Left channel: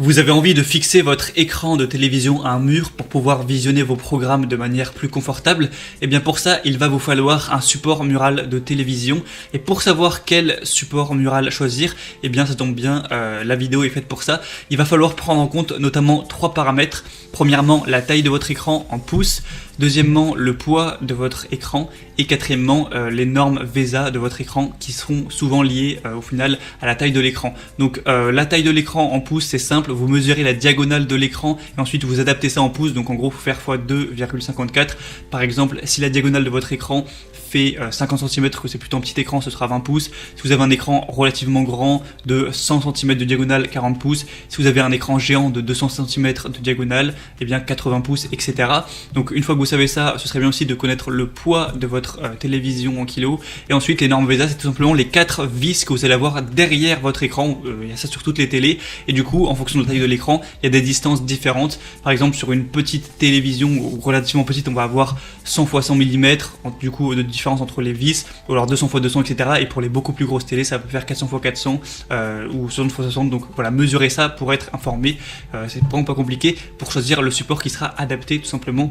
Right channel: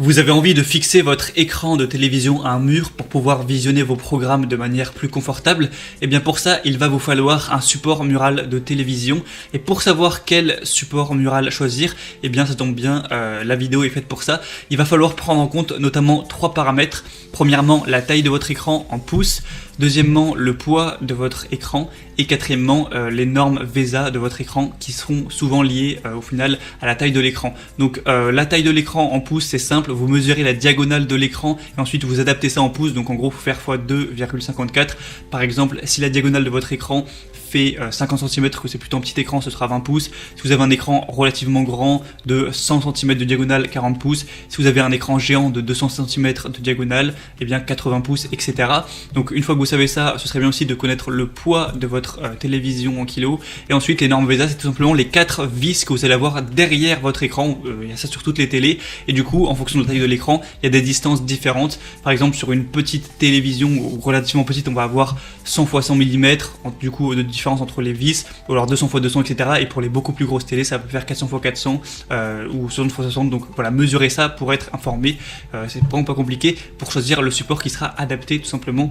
Vous avez envie de fixer votre écran de télévision à un mur pour pouvoir visionner vos programmes de manière plus confortable? Et bien pour ça, il va vous falloir un support mural de télévision. Et pour savoir quel support mural choisir, eh bien ça tombe bien, la vidéo est faite pour ça. Il va falloir prendre en compte notamment 3 paramètres. Premièrement, la taille de votre écran en pouces. Deuxièmement, le poids de votre écran. Et quatrièmement, les normes VESA de votre écran qui seront souvent liées au final à la taille de l'écran. Donc la taille de l'écran en pouces, c'est simple. Vous mesurez la diagonale de l'écran et ensuite vous adaptez ça en pouces. Donc en gros, il faut faire x 2,54. Par exemple, si la diagonale de votre écran fait 50 cm, que c'est plutôt un petit écran, ce sera 20 pouces. Si vous avez un écran relativement grand de 100 cm de diagonale, 40 pouces. Si vous avez un écran géant de 200 cm de diagonale, eh bien 80 pouces, etc. Donc une fois que vous savez ça, ce serait bien aussi de connaître le poids de votre télévision en kilos. Et ensuite, les normes VESA, c'est tout simplement les 4 vis que vous allez avoir derrière votre écran. Il y a ça sur toutes les télés. Et du coup, en fonction de la taille de l'écran, il y a des distances différentes. Par exemple, sur une petite télévision relativement petite, on va avoir 100 x 100 mm. Du coup, de différence entre les vis, ou alors 200 x 200, etc. Et pour les beaucoup plus grosses télés, ça peut faire 400 x 400 ou 60 x 60. Donc voilà, mesurez ça pour être informé. C'est vraiment pas compliqué pour choisir le support qui sera adapté tout simplement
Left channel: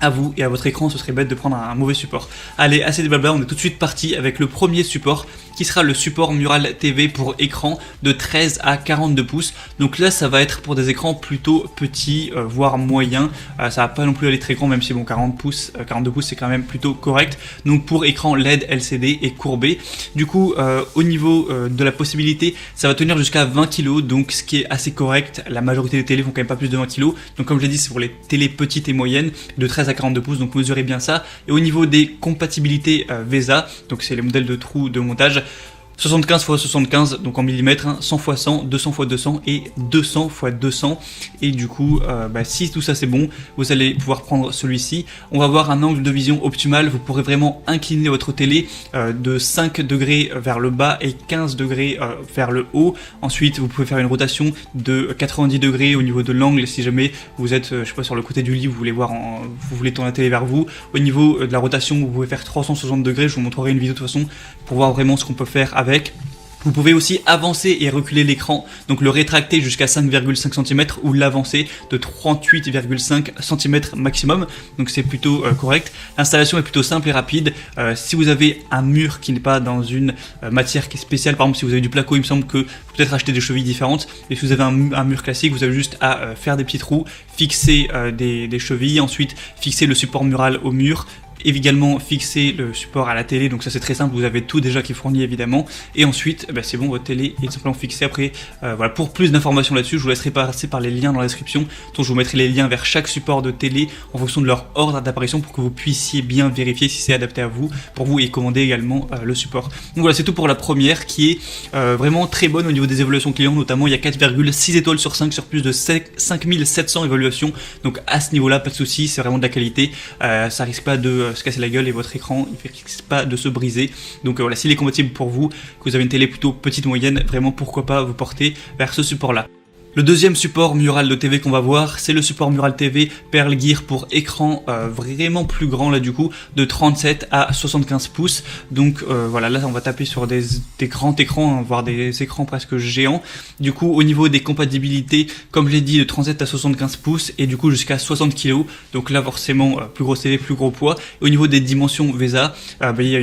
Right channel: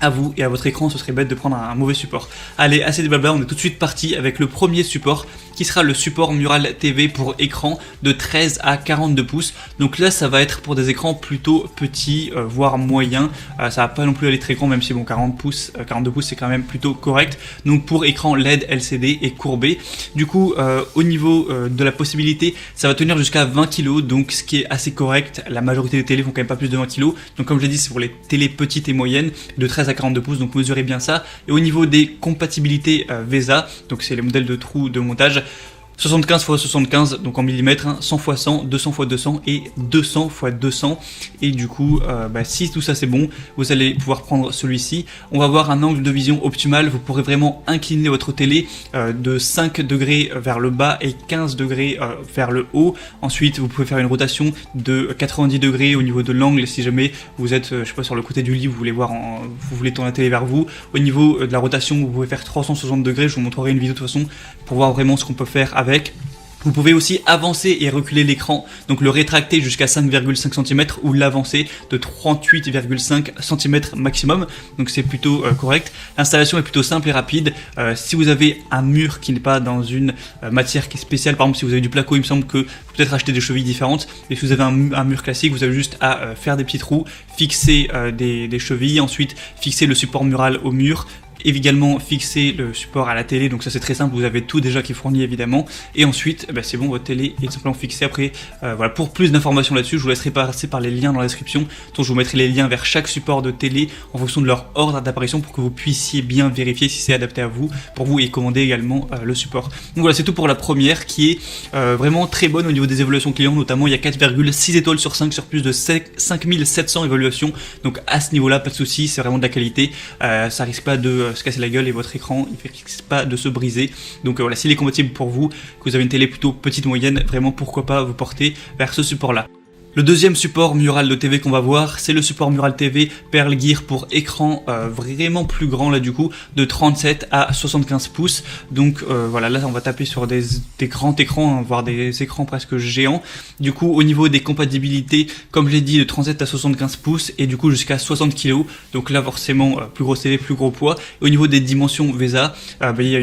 à vous et à votre écran. Ce serait bête de prendre un mauvais support. Allez, assez de blabla, on est tout de suite parti avec le premier support qui sera le support Mural TV pour écran de 13 à 42 pouces. Donc là, ça va être pour des écrans plutôt petits, voire moyens. Ça va pas non plus aller très grand, même si bon, 42 pouces c'est quand même plutôt correct. Donc pour écran LED, LCD et courbé. Du coup, au niveau de la possibilité, ça va tenir jusqu'à 20 kg, donc ce qui est assez correct. La majorité des télés font quand même pas plus de 20 kg. Donc comme je l'ai dit, c'est pour les télés petites et moyennes de 13 à 42 pouces, donc mesurez bien ça. Et au niveau des compatibilités VESA, donc c'est les modèles de trous de montage, 75 x 75, donc en millimètres, 100 x 100, 200 x 200 et 200 x 200. Et du coup, si tout ça c'est bon, vous allez pouvoir prendre celui-ci. On va avoir un angle de vision optimal. Vous pourrez vraiment incliner votre télé de 5 degrés vers le bas et 15 degrés vers le haut. Ensuite, vous pouvez faire une rotation de 90 degrés au niveau de l'angle si jamais vous êtes, je sais pas, sur le côté du lit, vous voulez tourner la télé vers vous. Au niveau de la rotation, vous pouvez faire 360 degrés. Je vous montrerai une vidéo de toute façon pour voir vraiment ce qu'on peut faire avec. Vous pouvez aussi avancer et reculer l'écran, donc le rétracter jusqu'à 5,5 cm ou l'avancer de 38,5 cm maximum, donc c'est plutôt correct. L'installation est plutôt simple et rapide. Si vous avez un mur qui n'est pas dans une matière qui est spéciale, par exemple si vous avez du placo, il me semble que vous pouvez peut-être acheter des chevilles différentes, et si vous avez un mur classique, vous avez juste à faire des petits trous, fixer des chevilles, ensuite fixer le support mural au mur, et également fixer le support à la télé, donc ça c'est très simple, vous avez tout déjà qui est fourni évidemment, et ensuite c'est bon, votre télé est simplement fixée. Après voilà, pour plus d'informations là-dessus, je vous laisserai passer par les liens dans la description. Donc je vous mettrai les liens vers chaque support de télé en fonction de leur ordre d'apparition pour que vous puissiez bien vérifier si c'est adapté à vous, pour vous, et commander également le support. Donc voilà, c'est tout pour la première qui est vraiment très bonne au niveau des évaluations clients, notamment il y a 4,6 étoiles sur 5 sur plus de 5700 évaluations, donc à ce niveau là pas de souci, c'est vraiment de la qualité, ça risque pas de se casser la gueule et votre écran il risque pas de se briser. Donc voilà, s'il est compatible pour vous, que vous avez une télé plutôt petite moyenne, vraiment pourquoi pas vous porter vers ce support là. Le deuxième support mural de TV qu'on va voir, c'est le support mural TV Pearl Gear pour écran vraiment plus grand là du coup, de 37 à 75 pouces. Donc voilà, là on va taper sur des grands écrans, voire des écrans presque géants. Du coup au niveau des compatibilités, comme je l'ai dit, de 37 à 75 pouces et du coup jusqu'à 60 kg. Donc là forcément plus grosse télé, plus gros poids. Et au niveau des dimensions VESA, il y a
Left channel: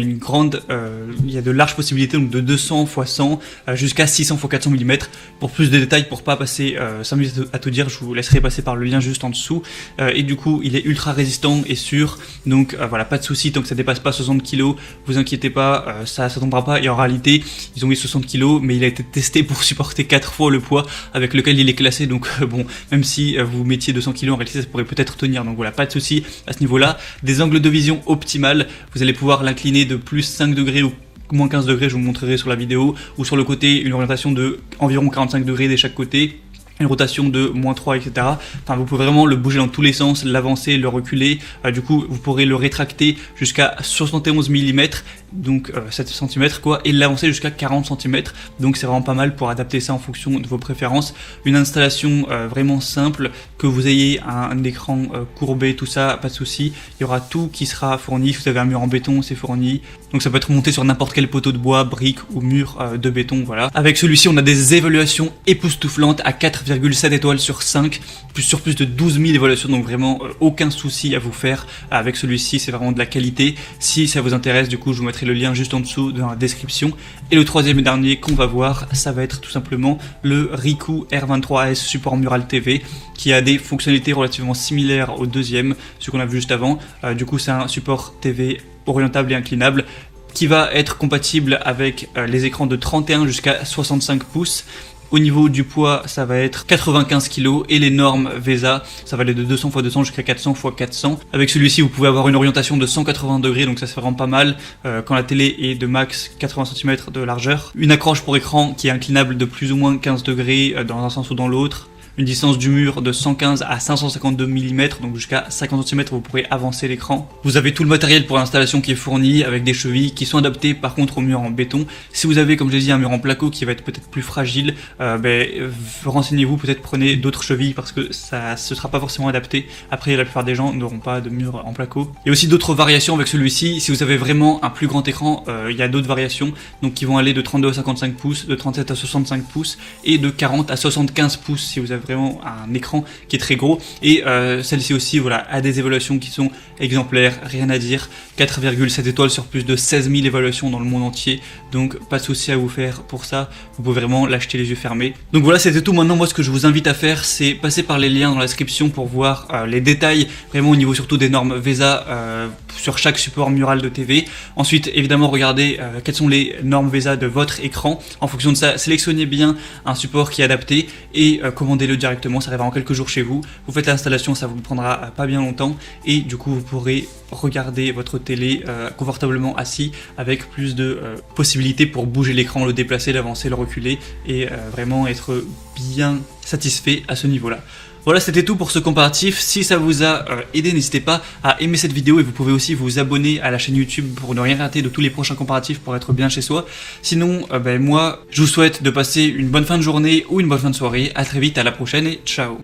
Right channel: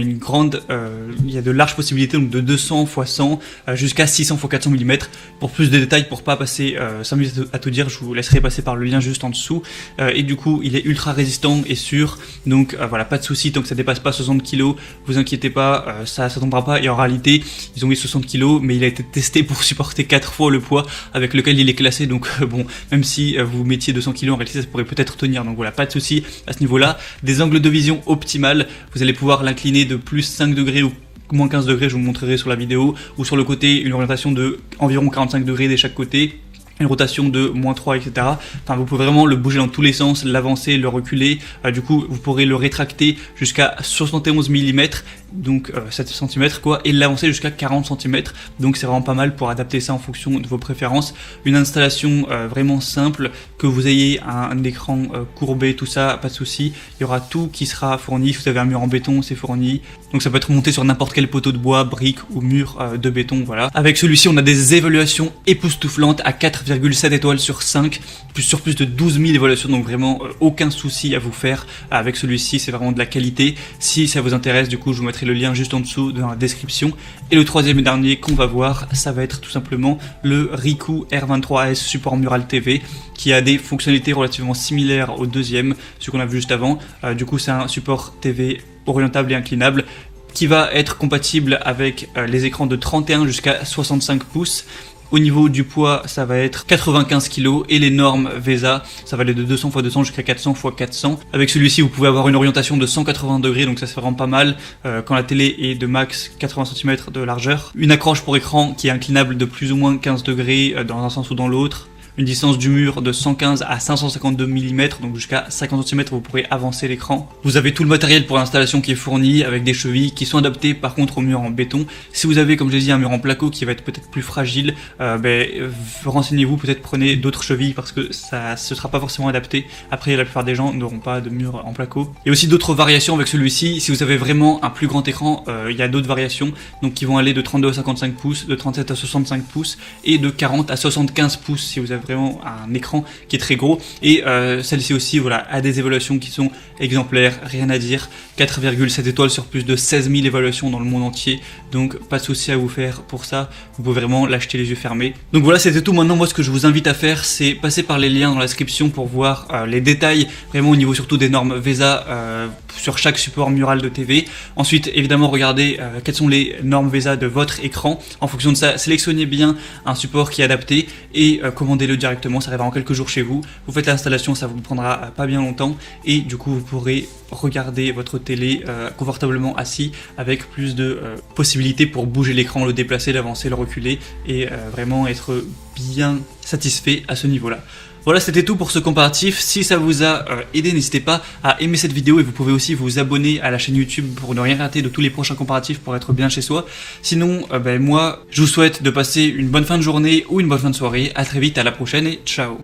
il y a de larges possibilités, donc de 200 x 100 jusqu'à 600 x 400 mm. Pour plus de détails, pour pas passer 5 minutes à tout dire, je vous laisserai passer par le lien juste en dessous. Et du coup il est ultra résistant et sûr, donc voilà, pas de souci tant que ça dépasse pas 60 kg, vous inquiétez pas, ça tombera pas. Et en réalité ils ont mis 60 kg, mais il a été testé pour supporter 4 fois le poids avec lequel il est classé, donc bon, même si vous mettiez 200 kg en réalité ça pourrait peut-être tenir, donc voilà, pas de souci à ce niveau là. Des angles de vision optimales, vous allez pouvoir l'incliner de plus 5 degrés ou moins 15 degrés, je vous montrerai sur la vidéo, ou sur le côté une orientation de environ 45 degrés de chaque côté, une rotation de -3, etc. Enfin, vous pouvez vraiment le bouger dans tous les sens, l'avancer, le reculer. Du coup, vous pourrez le rétracter jusqu'à 71 mm donc 7 cm quoi, et l'avancer jusqu'à 40 cm. Donc c'est vraiment pas mal pour adapter ça en fonction de vos préférences. Une installation vraiment simple, que vous ayez un écran courbé, tout ça, pas de souci. Il y aura tout qui sera fourni. Si vous avez un mur en béton, c'est fourni. Donc ça peut être monté sur n'importe quel poteau de bois, brique ou mur de béton, voilà. Avec celui-ci, on a des évaluations époustouflantes à 4,7 étoiles sur 5, sur plus de 12 000 évaluations, donc vraiment aucun souci à vous faire avec celui-ci, c'est vraiment de la qualité. Si ça vous intéresse, du coup, je vous mettrai le lien juste en dessous dans la description. Et le troisième et dernier qu'on va voir, ça va être tout simplement le Ricoh R23S support mural TV, qui a des fonctionnalités relativement similaires au deuxième, ce qu'on a vu juste avant. Du coup, c'est un support TV orientable et inclinable qui va être compatible avec les écrans de 31 jusqu'à 65 pouces. Au niveau du poids, ça va être 95 kg et les normes VESA, ça va aller de 200 x 200 jusqu'à 400 x 400. Avec celui-ci, vous pouvez avoir une orientation de 180 degrés, donc ça se fait vraiment pas mal quand la télé est de max 80 cm de largeur. Une accroche pour écran qui est inclinable de plus ou moins 15 degrés dans un sens ou dans l'autre. Une distance du mur de 115 à 552 mm, donc jusqu'à 50 cm vous pouvez avancer l'écran. Vous avez tout le matériel pour l'installation qui est fourni avec des chevilles qui sont adaptées par contre au mur en béton. Si vous avez, comme je l'ai dit, un mur en placo qui va être peut-être plus fragile, renseignez-vous, peut-être prenez d'autres chevilles parce que ce sera pas forcément adapté. Après, la plupart des gens n'auront pas de mur en placo. Il y a aussi d'autres variations avec celui-ci. Si vous avez vraiment un plus grand écran, il y a d'autres variations donc qui vont aller de 32 à 55 pouces, de 37 à 65 pouces et de 40 à 75 pouces si vous avez vraiment un écran qui est très gros. Et celle-ci aussi, voilà, a des évaluations qui sont exemplaires, rien à dire. 4,7 étoiles sur plus de 16 000 évaluations dans le monde entier, donc pas de souci à vous faire pour ça. Vous pouvez vraiment l'acheter les yeux fermés. Donc voilà, c'était tout. Maintenant, moi, ce que je vous invite à faire, c'est passer par les liens dans la description pour voir les détails, vraiment au niveau surtout des normes VESA sur chaque support mural de TV. Ensuite, évidemment, regardez quelles sont les normes VESA de votre écran. En fonction de ça, sélectionnez bien un support qui est adapté et commandez-le directement. Ça arrivera en quelques jours chez vous. Vous faites l'installation, ça vous prendra pas bien longtemps et du coup, vous pourrez regarder votre télé confortablement assis avec plus de possibilités pour bouger l'écran, le déplacer, l'avancer, le reculer et vraiment être bien satisfait à ce niveau-là. Voilà, c'était tout pour ce comparatif. Si ça vous a aidé, n'hésitez pas à aimer cette vidéo et vous pouvez aussi vous abonner à la chaîne YouTube pour ne rien rater de tous les prochains comparatifs pour être bien chez soi. Sinon, moi, je vous souhaite de passer une bonne fin de journée ou une bonne fin de soirée. À très vite, à la prochaine et ciao.